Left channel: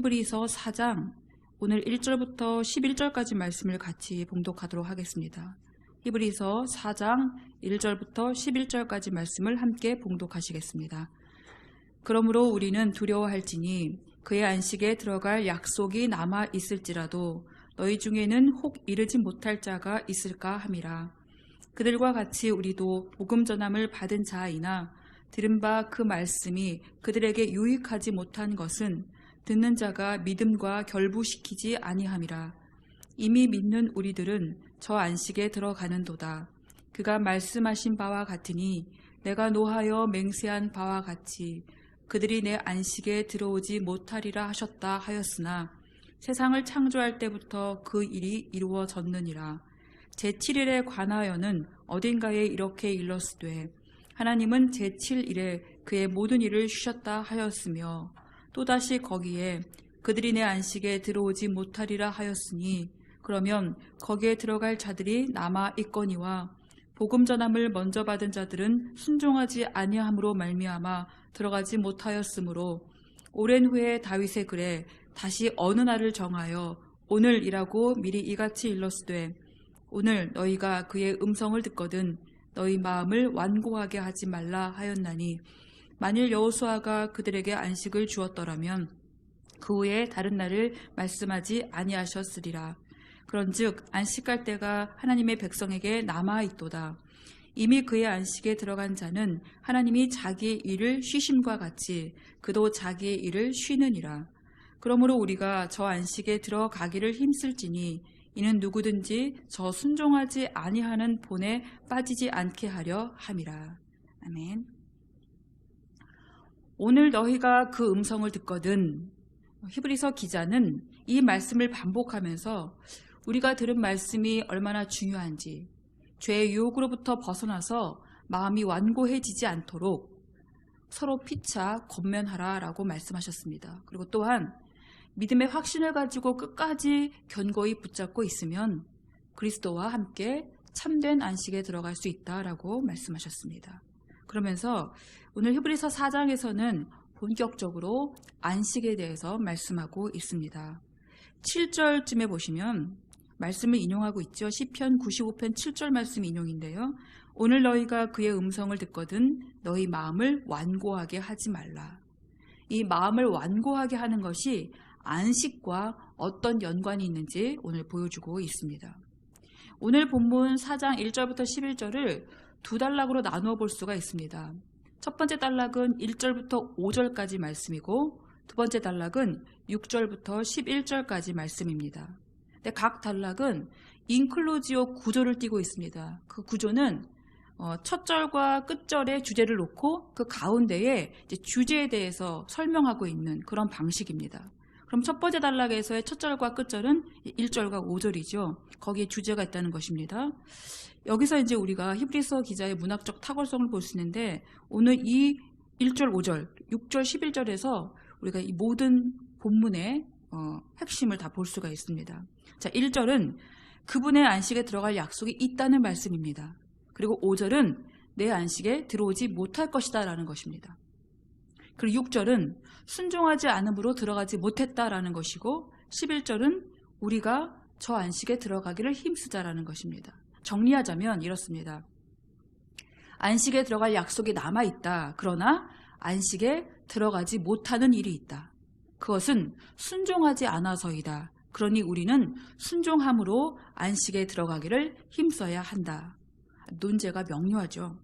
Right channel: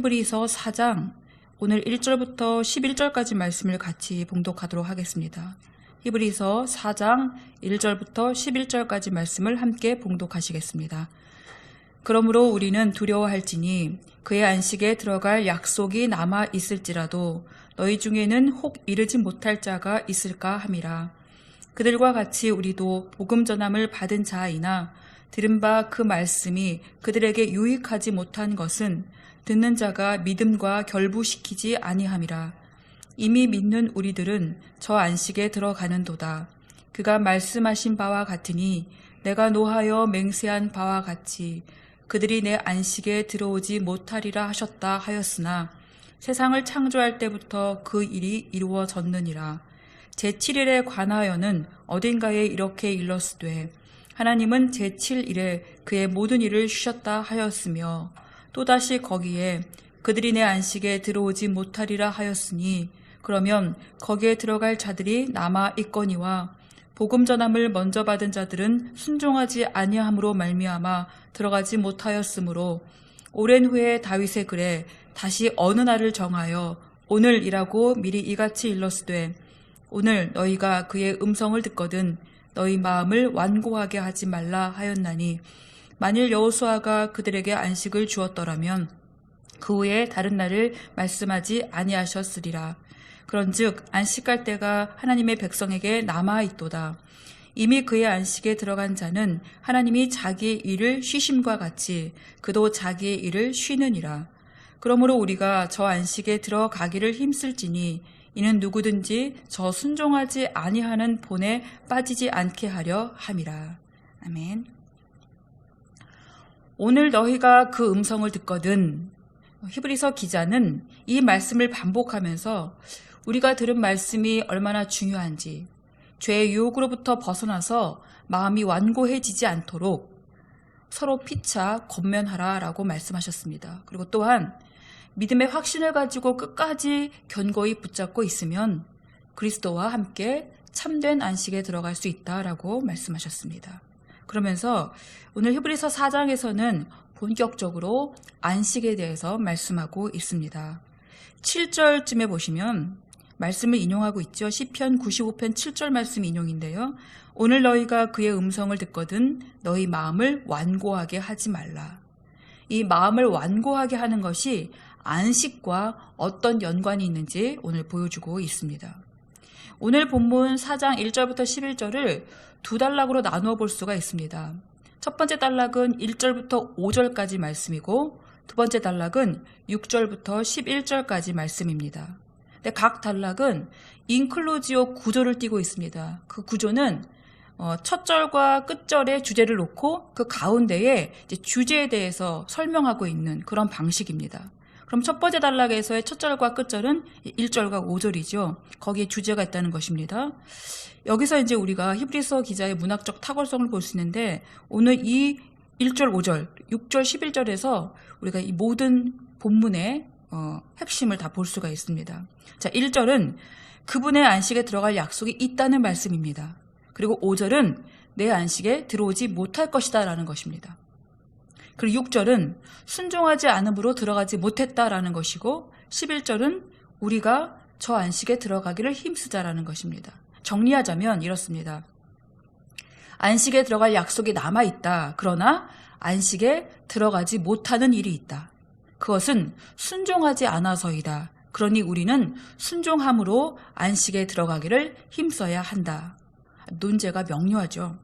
히브리서 4장 오늘 1절부터 11절까지 말씀을 같이 봉독하도록 하겠습니다. 히브리서 4장 1절부터 11절까지 말씀을 함께 봉독하시겠습니다. 그러므로 우리는 두려워할지니 그의 안식에 들어갈 약속이 남아 있을지라도 너희 중에는 혹 이르지 못할 자가 있을까 함이라. 그들과 같이 우리도 복음 전함을 받은 자이나 들은 바 그 말씀이 그들에게 유익하지 못한 것은 듣는 자가 믿음과 결부시키지 아니함이라. 이미 믿는 우리들은 저 안식에 들어가는도다. 그가 말씀하신 바와 같으니 내가 노하여 맹세한 바와 같이 그들이 내 안식에 들어오지 못하리라 하셨다 하였으나 세상을 창조할 때부터 그 일이 이루어졌느니라. 제7일에 관하여는 어딘가에 이렇게 일렀으되 하나님은 제7일에 그의 모든 일을 쉬셨다 하였으며 또다시 거기에 그들이 내 안식에 들어오지 못하리라 하였으니 그러면 거기에 들어갈 자들이 남아 있거니와 복음 전함을 먼저 받은 자들은 순종하지 아니함으로 말미암아 들어가지 못하였으므로 오랜 후에 다윗의 글에 다시 어느 날을 정하여 오늘이라고 미리 이같이 일렀으되 오늘 너희가 그의 음성을 듣거든 너희 마음을 완고하게 하지 말라 하였나니 만일 여호수아가 그들에게 안식을 주었더라면 그 후에 다른 날을 말씀하지 아니하셨으리라. 그런즉 안식할 때가 하나님의 백성에게 남아 있도다. 이미 그의 안식에 들어간 자는 하나님이 자기의 일을 쉬심과 같이 그도 자기의 일을 쉬느니라. 그러므로 우리가 저 안식에 들어가기를 힘쓸지니 이는 누구든지 저 순종하지 아니하는 본에 빠지지 않게 하려 함이라. 아멘. 오늘 너희가 그 음성을 듣거든. 히브리서 기자는 이 말씀을 반복하면서 우리가 들은 말씀이 얼마나 중요한지, 죄의 유혹으로부터 벗어나서 마음이 완고해지지 않도록 서로 피차 권면하라라고 말씀하셨습니다. 그리고 또한 믿음의 확신을 가지고 끝까지 견고히 붙잡고 있으면 그리스도와 함께 참된 안식에 들어갈 수 있다라고 말씀하셨습니다. 그러면서 오늘 히브리서 4장에서는 본격적으로 안식에 대해서 말씀하고 있습니다. 7절쯤에 보시면 말씀을 인용하고 있죠. 시편 95편 7절 말씀 인용인데요. 오늘 너희가 그의 음성을 듣거든 너희 마음을 완고하게 하지 말라. 이 마음을 완고하게 하는 것이 안식과 어떤 연관이 있는지 오늘 보여주고 있습니다. 오늘 본문 4장 1절부터 11절을 두 단락으로 나누어 볼 수가 있습니다. 첫 번째 단락은 1절부터 5절까지 말씀이고 두 번째 단락은 6절부터 11절까지 말씀입니다. 근데 각 단락은 인클루지오 구조를 띠고 있습니다. 그 구조는 첫 절과 끝절에 주제를 놓고 그 가운데에 이제 주제에 대해서 설명하고 있는 그런 방식입니다. 그럼 첫 번째 단락에서의 첫 절과 끝절은 1절과 5절이죠. 거기에 주제가 있다는 것입니다. 여기서 이제 우리가 히브리서 기자의 문학적 탁월성을 볼 수 있는데 오늘 이 1절, 5절, 6절, 11절에서 우리가 이 모든 본문의 핵심을 다 볼 수가 있습니다. 자, 1절은 그분의 안식에 들어갈 약속이 있다는 말씀입니다. 그리고 5절은 내 안식에 들어오지 못할 것이다 라는 것입니다. 그리고 6절은 순종하지 않음으로 들어가지 못했다라는 것이고 11절은 우리가 저 안식에 들어가기를 힘쓰자라는 것입니다. 정리하자면 이렇습니다. 안식에 들어갈 약속이 남아있다. 그러나 안식에 들어가지 못하는 일이 있다. 그것은 순종하지 않아서이다. 그러니 우리는 순종함으로 안식에 들어가기를 힘써야 한다. 논제가 명료하죠.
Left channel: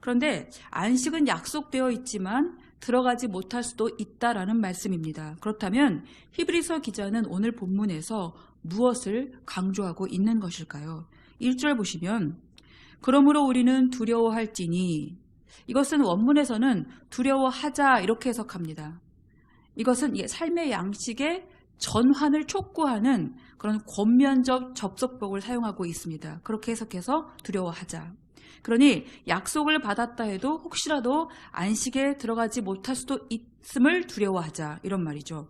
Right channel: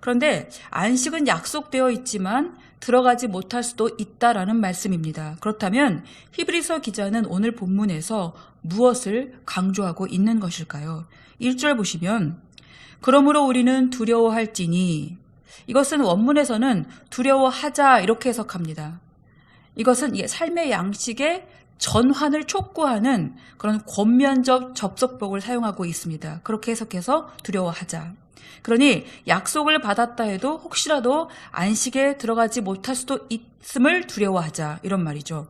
그런데 안식은 약속되어 있지만 들어가지 못할 수도 있다라는 말씀입니다. 그렇다면 히브리서 기자는 오늘 본문에서 무엇을 강조하고 있는 것일까요? 1절 보시면 그러므로 우리는 두려워할지니 이것은 원문에서는 두려워하자 이렇게 해석합니다. 이것은 삶의 양식의 전환을 촉구하는 그런 권면적 접속법을 사용하고 있습니다. 그렇게 해석해서 두려워하자. 그러니 약속을 받았다 해도 혹시라도 안식에 들어가지 못할 수도 있음을 두려워하자 이런 말이죠.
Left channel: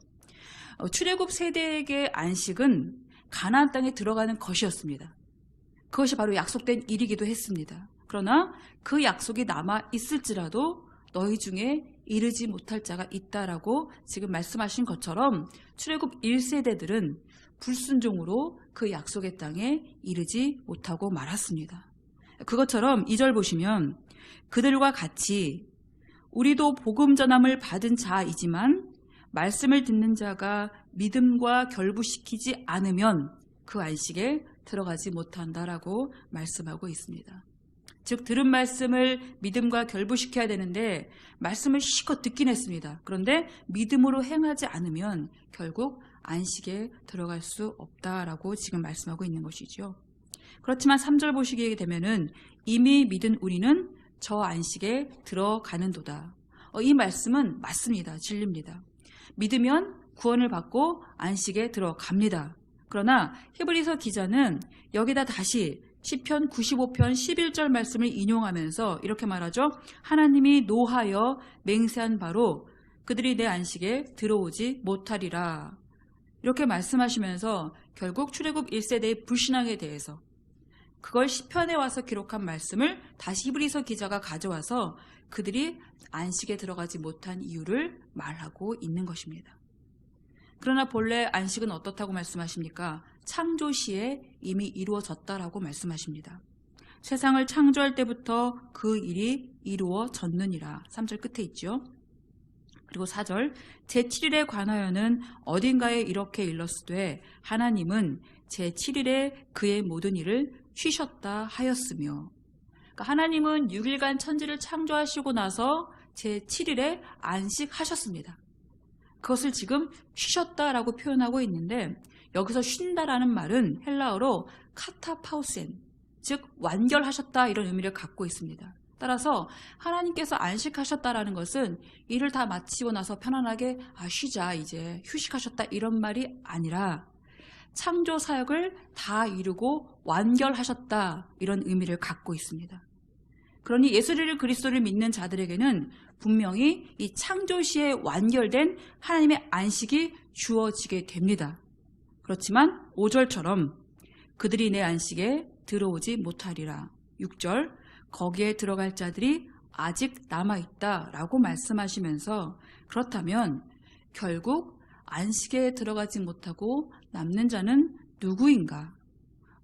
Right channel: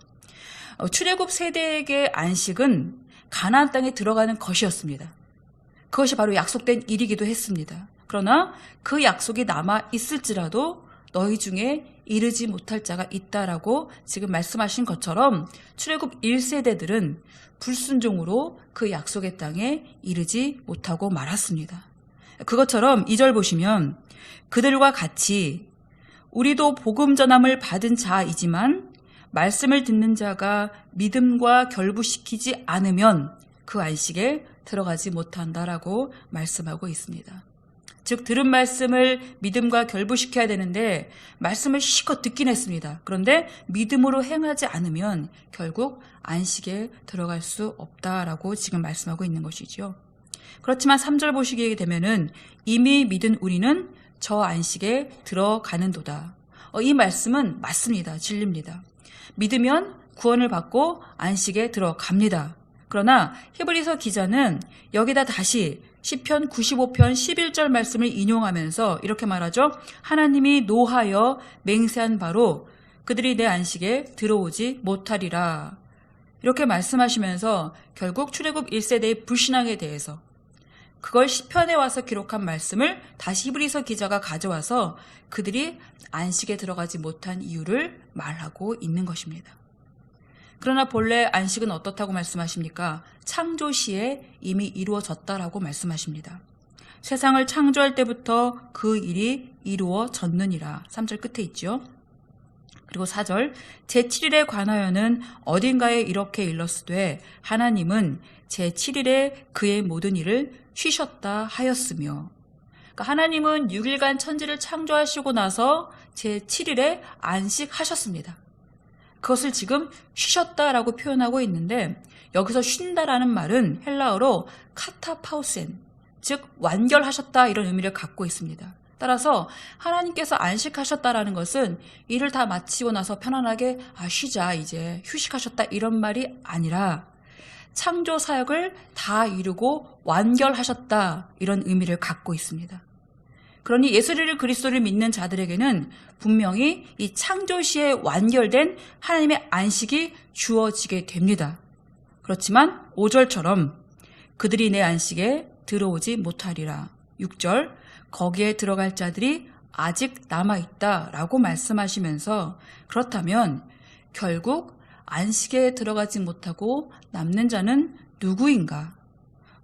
출애굽 세대에게 안식은 가나안 땅에 들어가는 것이었습니다. 그것이 바로 약속된 일이기도 했습니다. 그러나 그 약속이 남아 있을지라도 너희 중에 이르지 못할 자가 있다라고 지금 말씀하신 것처럼 출애굽 1세대들은 불순종으로 그 약속의 땅에 이르지 못하고 말았습니다. 그것처럼 2절 보시면 그들과 같이 우리도 복음 전함을 받은 자이지만 말씀을 듣는 자가 믿음과 결부시키지 않으면 그 안식에 들어가지 못한다라고 말씀하고 있습니다. 즉 들은 말씀을 믿음과 결부시켜야 되는데 말씀을 실컷 듣긴 했습니다. 그런데 믿음으로 행하지 않으면 결국 안식에 들어갈 수 없다라고 지금 말씀하고 있는 것이죠. 그렇지만 3절 보시게 되면은 이미 믿은 우리는 저 안식에 들어가는도다. 이 말씀은 맞습니다. 진리입니다. 믿으면 구원을 받고 안식에 들어갑니다. 그러나 히브리서 기자는 여기다 다시 시편 95편 11절 말씀을 인용하면서 이렇게 말하죠. 하나님이 노하여 맹세한 바로 그들이 내 안식에 들어오지 못하리라. 이렇게 말씀하시면서 결국 출애굽 1세대의 불신앙에 대해서 그걸 시편에 와서 기록한 말씀을 다시 히브리서 기자가 가져와서 그들이 안식에 들어가지 못한 이유를 말하고 있는 것입니다. 그러나 본래 안식은 어떻다고 말씀하십니까? 창조 시에 이미 이루어졌다라고 말씀하십니다. 세상을 창조할 때부터 그 일이 이루어졌느니라. 3절 끝에 있죠. 그리고 4절 제7일에 관하여는 어딘가에 이렇게 일렀으되 하나님은 제7일에 그의 모든 일을 쉬셨다 하였으며, 그러니까 하나님은 6일간 천지를 창조하시고 나서 제7일에 안식하셨습니다. 그것을 지금 쉬셨다라고 표현하고 있는데 여기서 쉰다라는 말은 헬라어로 카타파우센, 즉 완결하셨다 이런 의미를 갖고 있습니다. 따라서 하나님께서 안식하셨다라는 것은 일을 다 마치고 나서 편안하게 쉬자 이제 휴식하셨다 이런 말이 아니라 창조 사역을 다 이루고 완결하셨다 이런 의미를 갖고 있습니다. 그러니 예수 그리스도를 믿는 자들에게는 분명히 이 창조 시에 완결된 하나님의 안식이 주어지게 됩니다. 그렇지만 5절처럼 그들이 내 안식에 들어오지 못하리라. 6절 거기에 들어갈 자들이 아직 남아있다라고 말씀하시면서 그렇다면 결국 안식에 들어가지 못하고 남는 자는 누구인가?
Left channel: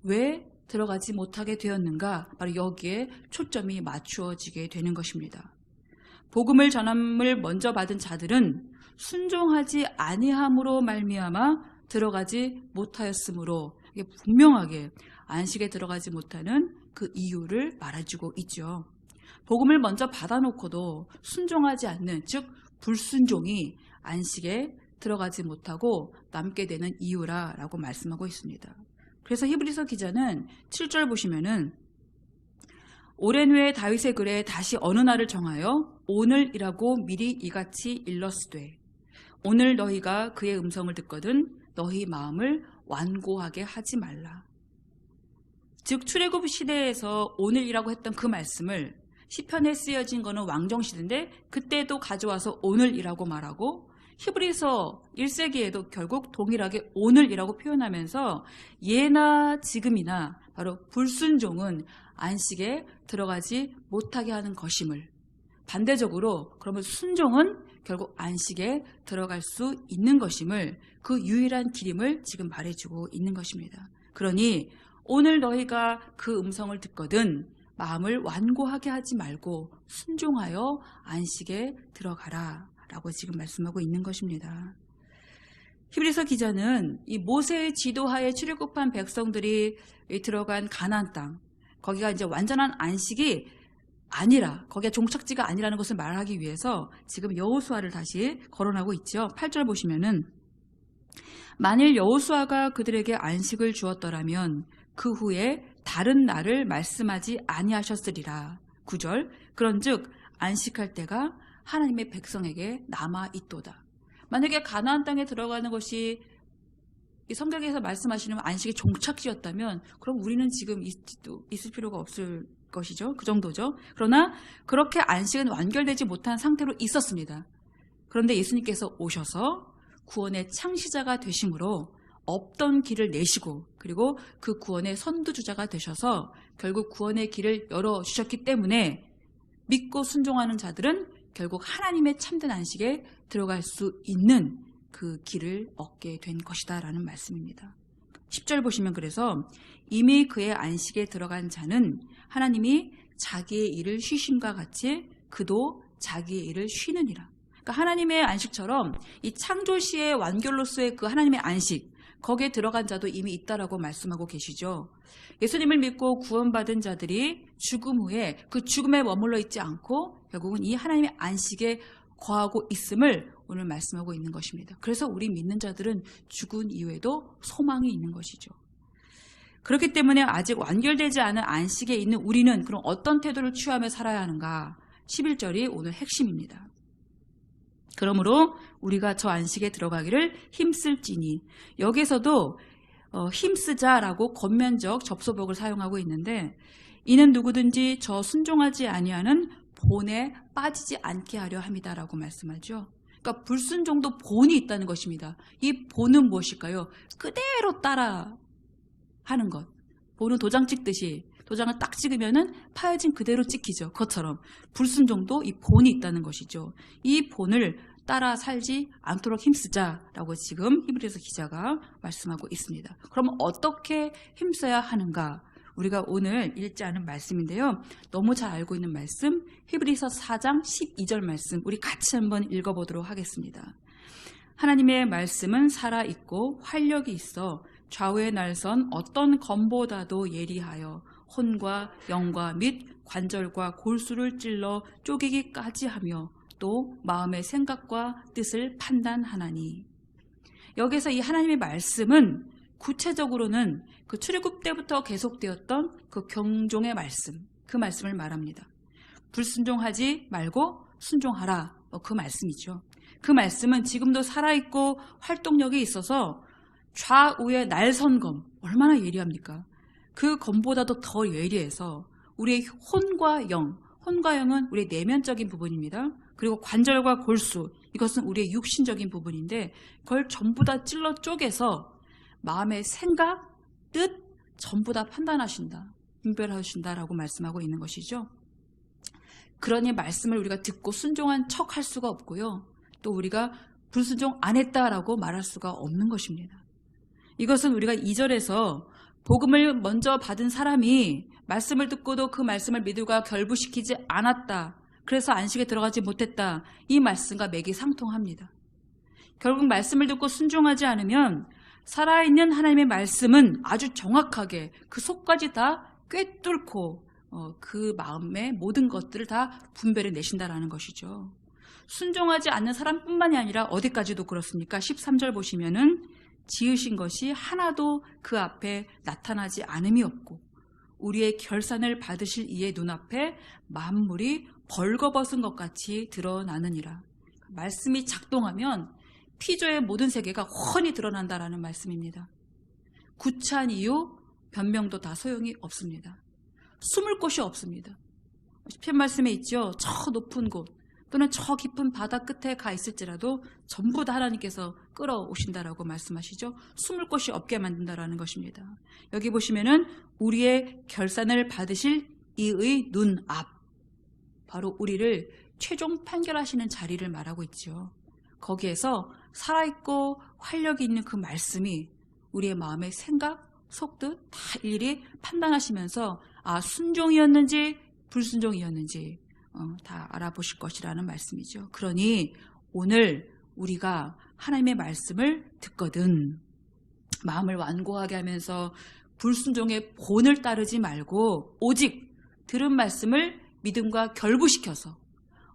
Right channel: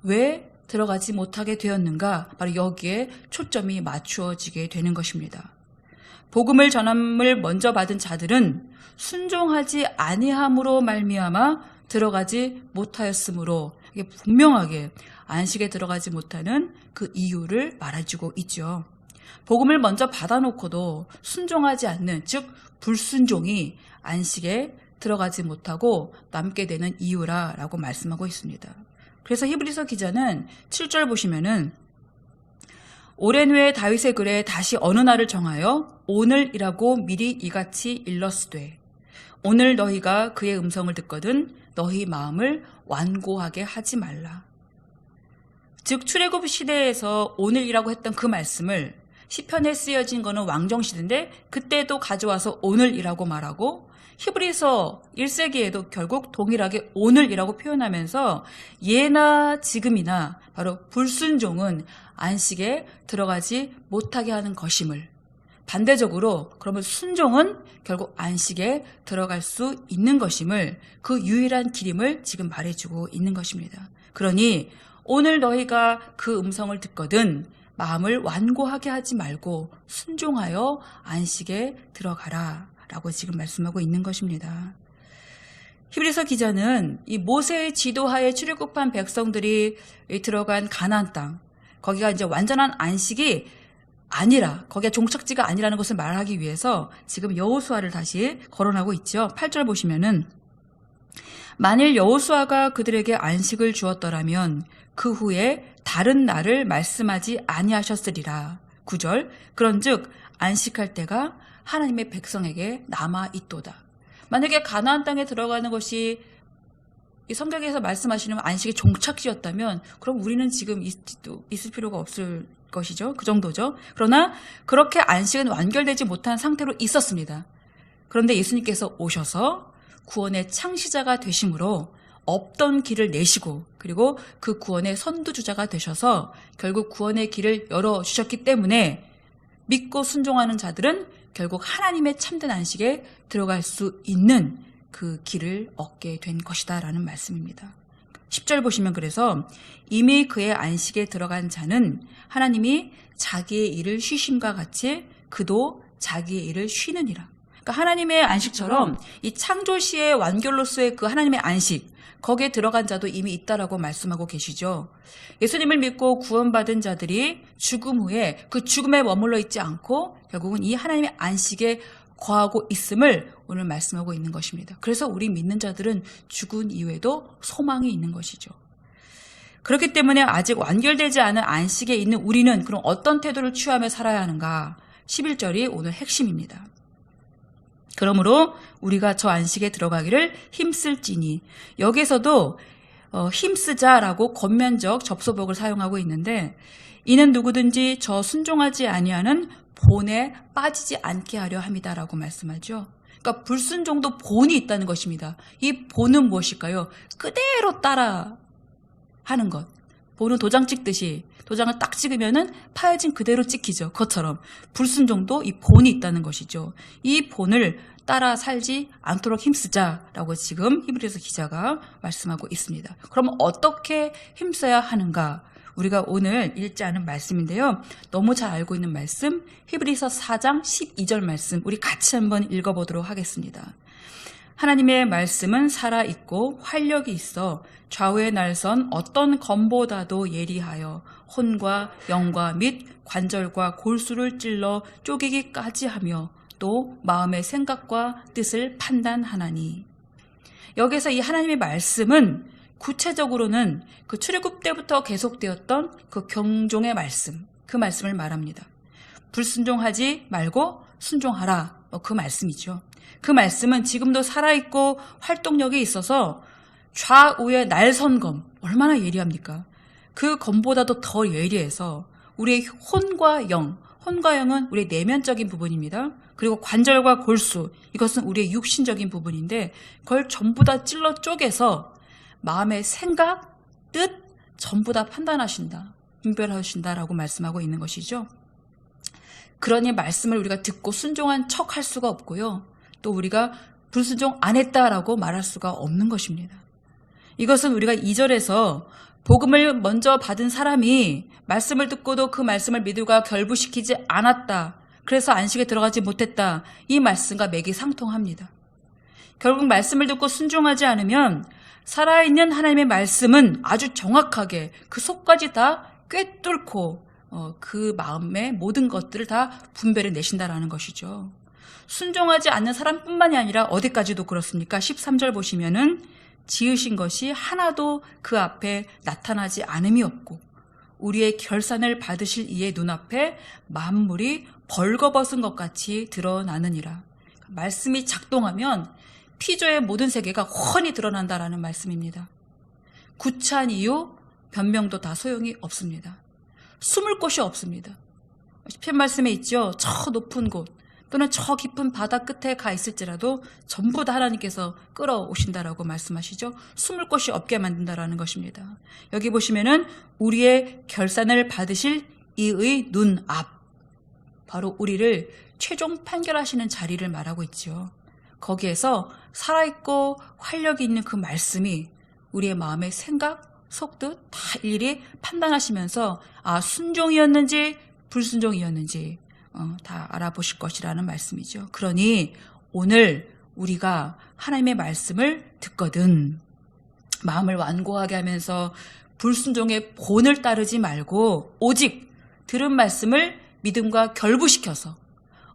왜 들어가지 못하게 되었는가? 바로 여기에 초점이 맞추어지게 되는 것입니다. 복음을 전함을 먼저 받은 자들은 순종하지 아니함으로 말미암아 들어가지 못하였으므로 이게 분명하게 안식에 들어가지 못하는 그 이유를 말해주고 있죠. 복음을 먼저 받아놓고도 순종하지 않는, 즉 불순종이 안식에 들어가지 못하고 남게 되는 이유라고 말씀하고 있습니다. 그래서 히브리서 기자는 7절 보시면은 오랜 후에 다윗의 글에 다시 어느 날을 정하여 오늘이라고 미리 이같이 일렀으되 오늘 너희가 그의 음성을 듣거든 너희 마음을 완고하게 하지 말라. 즉 출애굽 시대에서 오늘이라고 했던 그 말씀을 시편에 쓰여진 거는 왕정시대인데 그때도 가져와서 오늘이라고 말하고 히브리서 1세기에도 결국 동일하게 오늘이라고 표현하면서 예나 지금이나 바로 불순종은 안식에 들어가지 못하게 하는 것임을, 반대적으로 그러면 순종은 결국 안식에 들어갈 수 있는 것임을, 그 유일한 길임을 지금 말해주고 있는 것입니다. 그러니 오늘 너희가 그 음성을 듣거든 마음을 완고하게 하지 말고 순종하여 안식에 들어가라 라고 지금 말씀하고 있는 것입니다. 히브리서 기자는 이 모세의 지도하에 출애굽한 백성들이 들어간 가나안 땅, 거기가 이제 완전한 안식이 아니라, 거기가 종착지가 아니라는 것을 말하기 위해서 지금 여호수아를 다시 거론하고 있죠. 8절 보시면은 만일 여호수아가 그들에게 안식을 주었더라면 그 후에 다른 날을 말씀하지 아니하셨으리라. 9절 그런즉 안식할 때가 하나님의 백성에게 남아있도다. 만약에 가나안 땅에 들어가는 것이 이 성경에서 말씀하시는 안식의 종착지였다면 그럼 우리는 지금 있을 필요가 없을 것이죠. 그 정도죠. 그러나 그렇게 안식은 완결되지 못한 상태로 있었습니다. 그런데 예수님께서 오셔서 구원의 창시자가 되심으로 없던 길을 내시고 그리고 그 구원의 선두주자가 되셔서 결국 구원의 길을 열어주셨기 때문에 믿고 순종하는 자들은 결국 하나님의 참된 안식에 들어갈 수 있는 그 길을 얻게 된 것이다 라는 말씀입니다. 10절 보시면 그래서 이미 그의 안식에 들어간 자는 하나님이 자기의 일을 쉬심과 같이 그도 자기의 일을 쉬느니라. 그러니까 하나님의 안식처럼 이 창조시의 완결로서의 그 하나님의 안식, 거기에 들어간 자도 이미 있다라고 말씀하고 계시죠. 예수님을 믿고 구원받은 자들이 죽음 후에 그 죽음에 머물러 있지 않고 결국은 이 하나님의 안식에 거하고 있음을 오늘 말씀하고 있는 것입니다. 그래서 우리 믿는 자들은 죽은 이후에도 소망이 있는 것이죠. 그렇기 때문에 아직 완결되지 않은 안식에 있는 우리는 그럼 어떤 태도를 취하며 살아야 하는가? 11절이 오늘 핵심입니다. 그러므로 우리가 저 안식에 들어가기를 힘쓸지니, 여기서도 힘쓰자라고 권면적 접소복을 사용하고 있는데, 이는 누구든지 저 순종하지 아니하는 본에 빠지지 않게 하려 함이다라고 말씀하죠. 그러니까 불순종도 본이 있다는 것입니다. 이 본은 무엇일까요? 그대로 따라 하는 것. 본은 도장 찍듯이 도장을 딱 찍으면은 파여진 그대로 찍히죠. 그것처럼 불순종도 이 본이 있다는 것이죠. 이 본을 따라 살지 않도록 힘쓰자라고 지금 히브리서 기자가 말씀하고 있습니다. 그럼 어떻게 힘써야 하는가? 우리가 오늘 읽지 않은 말씀인데요. 너무 잘 알고 있는 말씀, 히브리서 4장 12절 말씀, 우리 같이 한번 읽어보도록 하겠습니다. 하나님의 말씀은 살아있고 활력이 있어 좌우에 날선 어떤 검보다도 예리하여 혼과 영과 및 관절과 골수를 찔러 쪼개기까지 하며 또 마음의 생각과 뜻을 판단하나니. 여기서 이 하나님의 말씀은 구체적으로는 그 출애굽 때부터 계속되었던 그 경종의 말씀, 그 말씀을 말합니다. 불순종하지 말고 순종하라, 그 말씀이죠. 그 말씀은 지금도 살아있고 활동력이 있어서 좌우의 날선 검, 얼마나 예리합니까? 그 검보다도 더 예리해서 우리의 혼과 영은 우리의 내면적인 부분입니다. 그리고 관절과 골수, 이것은 우리의 육신적인 부분인데 그걸 전부 다 찔러 쪼개서 마음의 생각, 뜻 전부 다 판단하신다, 분별하신다라고 말씀하고 있는 것이죠. 그러니 말씀을 우리가 듣고 순종한 척 할 수가 없고요. 또 우리가 불순종 안 했다라고 말할 수가 없는 것입니다. 이것은 우리가 2절에서 복음을 먼저 받은 사람이 말씀을 듣고도 그 말씀을 믿음과 결부시키지 않았다, 그래서 안식에 들어가지 못했다, 이 말씀과 맥이 상통합니다. 결국 말씀을 듣고 순종하지 않으면 살아있는 하나님의 말씀은 아주 정확하게 그 속까지 다 꿰뚫고 그 마음의 모든 것들을 다 분별해 내신다라는 것이죠. 순종하지 않는 사람뿐만이 아니라 어디까지도 그렇습니까? 13절 보시면은 지으신 것이 하나도 그 앞에 나타나지 않음이 없고 우리의 결산을 받으실 이의 눈앞에 만물이 벌거벗은 것 같이 드러나느니라. 말씀이 작동하면 피조의 모든 세계가 훤히 드러난다라는 말씀입니다. 구차한 이유, 변명도 다 소용이 없습니다. 숨을 곳이 없습니다. 시편 말씀에 있죠. 저 높은 곳 또는 저 깊은 바다 끝에 가 있을지라도 전부 다 하나님께서 끌어오신다라고 말씀하시죠. 숨을 곳이 없게 만든다라는 것입니다. 여기 보시면은 우리의 결산을 받으실 이의 눈앞, 바로 우리를 최종 판결하시는 자리를 말하고 있죠. 거기에서 살아있고 활력이 있는 그 말씀이 우리의 마음의 생각, 속뜻 다 일일이 판단하시면서 순종이었는지 불순종이었는지 다 알아보실 것이라는 말씀이죠. 그러니 오늘 우리가 하나님의 말씀을 듣거든 마음을 완고하게 하면서 불순종의 본을 따르지 말고 오직 들은 말씀을 믿음과 결부시켜서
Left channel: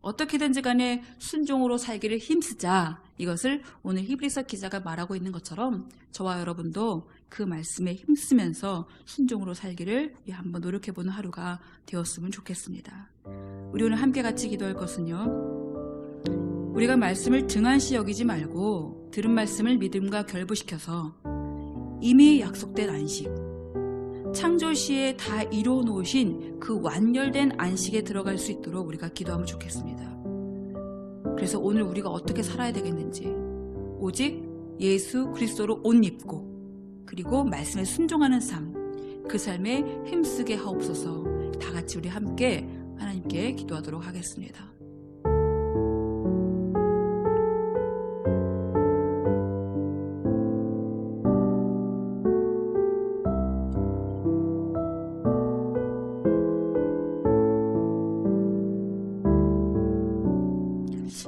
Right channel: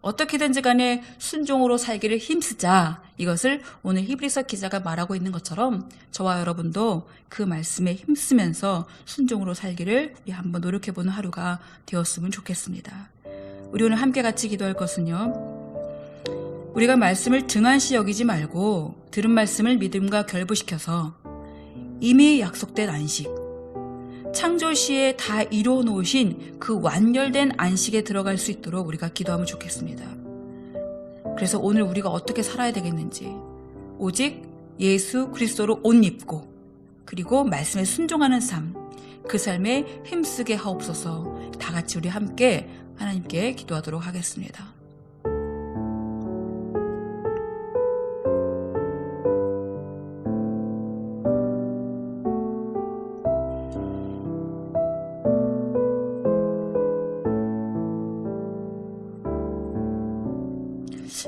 어떻게든지 간에 순종으로 살기를 힘쓰자, 이것을 오늘 히브리서 기자가 말하고 있는 것처럼 저와 여러분도 그 말씀에 힘쓰면서 순종으로 살기를 우리 한번 노력해보는 하루가 되었으면 좋겠습니다. 우리 오늘 함께 같이 기도할 것은요, 우리가 말씀을 등한시 여기지 말고 들은 말씀을 믿음과 결부시켜서 이미 약속된 안식, 창조시에 다 이루어 놓으신 그 완결된 안식에 들어갈 수 있도록 우리가 기도하면 좋겠습니다. 그래서 오늘 우리가 어떻게 살아야 되겠는지, 오직 예수 그리스도로 옷 입고 그리고 말씀에 순종하는 삶, 그 삶에 힘쓰게 하옵소서. 다 같이 우리 함께 하나님께 기도하도록 하겠습니다.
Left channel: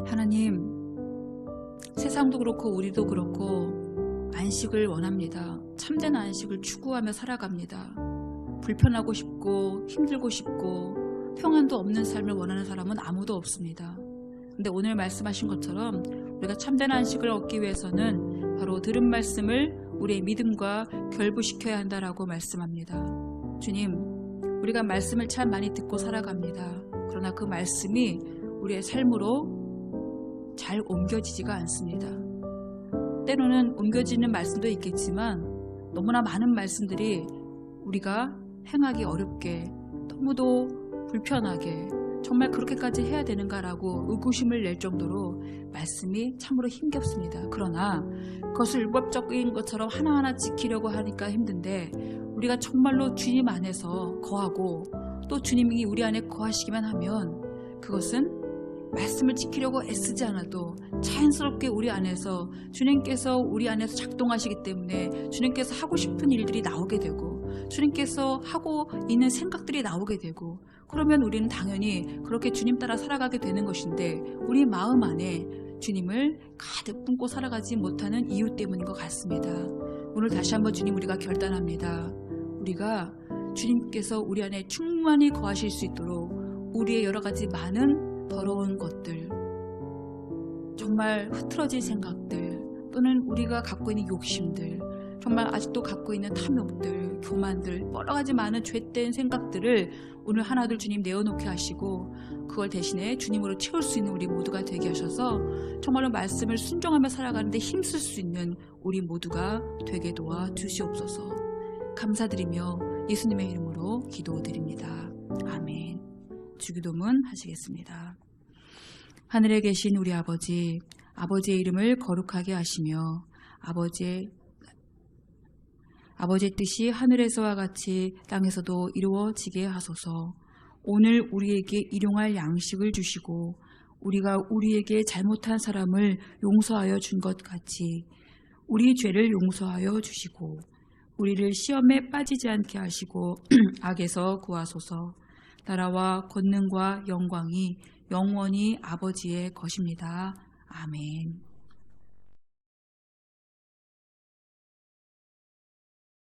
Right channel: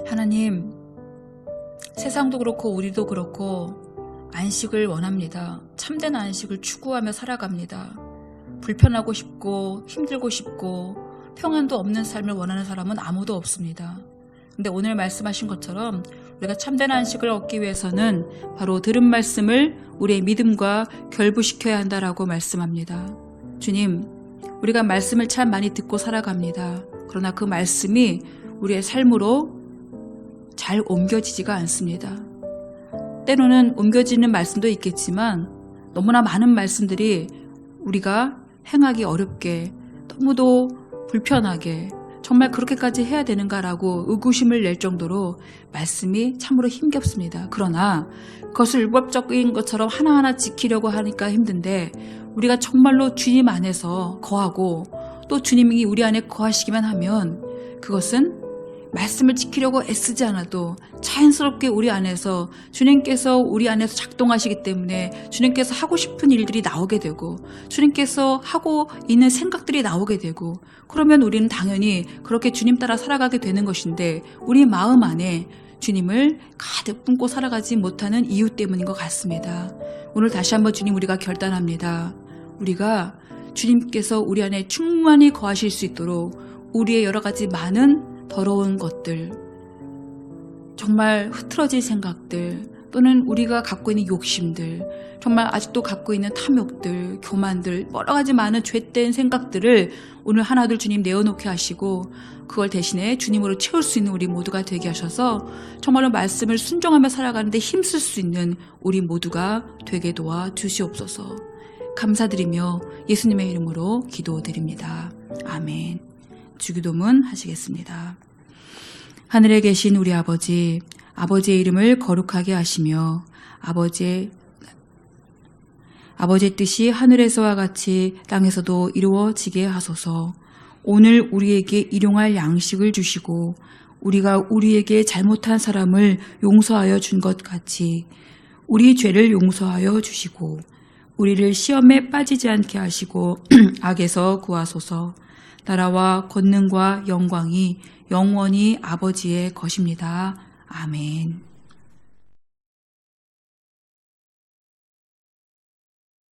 하나님, 세상도 그렇고 우리도 그렇고 안식을 원합니다. 참된 안식을 추구하며 살아갑니다. 불편하고 싶고 힘들고 싶고 평안도 없는 삶을 원하는 사람은 아무도 없습니다. 근데 오늘 말씀하신 것처럼 우리가 참된 안식을 얻기 위해서는 바로 들은 말씀을 우리의 믿음과 결부시켜야 한다라고 말씀합니다. 주님, 우리가 말씀을 참 많이 듣고 살아갑니다. 그러나 그 말씀이 우리의 삶으로 잘 옮겨지지가 않습니다. 때로는 옮겨지는 말씀도 있겠지만 너무나 많은 말씀들이 우리가 행하기 어렵게, 너무도 불편하게, 정말 그렇게까지 해야 되는가라고 의구심을 낼 정도로 말씀이 참으로 힘겹습니다. 그러나 그것을 율법적인 것처럼 하나하나 지키려고 하니까 힘든데, 우리가 정말로 주님 안에서 거하고 또 주님이 우리 안에 거하시기만 하면 그것은 말씀을 지키려고 애쓰지 않아도 자연스럽게 우리 안에서 주님께서 우리 안에서 작동하시기 때문에 주님께서 하고 싶은 일들이 나오게 되고 주님께서 하고 있는 생각들이 나오게 되고, 그러면 우리는 당연히 그렇게 주님 따라 살아가게 되는 것인데, 우리 마음 안에 주님을 가득 품고 살아가지 못하는 이유 때문인 것 같습니다. 오늘 다시 한번 주님, 우리가 결단합니다. 우리가 주님께서 우리 안에 충만히 거하실 수 있도록 우리의 여러 가지 많은 더러운 것들, 정말 흐트러진 생각들, 또는 우리가 갖고 있는 욕심들, 정말 아직도 갖고 있는 탐욕들, 교만들, 여러 가지 많은 죄된 생각들을 오늘 하나둘 주님 내어놓게 하시고, 그걸 대신에 주님으로 채울 수 있는 우리 모두가 되게 하셔서 정말로 말씀을 순종하며 살아가는데 힘쓸 수 있는 우리 모두가 되게 도와 주시옵소서. 감사드리며 예수님의 이름으로 기도드립니다. 아멘. 주기도문 하시겠습니다. 하늘에 계신 우리 아버지, 아버지의 이름을 거룩하게 하시며 아버지의 뜻이 하늘에서와 같이 땅에서도 이루어지게 하소서. 오늘 우리에게 일용할 양식을 주시고 우리가 우리에게 잘못한 사람을 용서하여 준 것 같이 우리 죄를 용서하여 주시고 우리를 시험에 빠지지 않게 하시고 악에서 구하소서. 나라와 권능과 영광이 영원히 아버지의 것입니다. 아멘.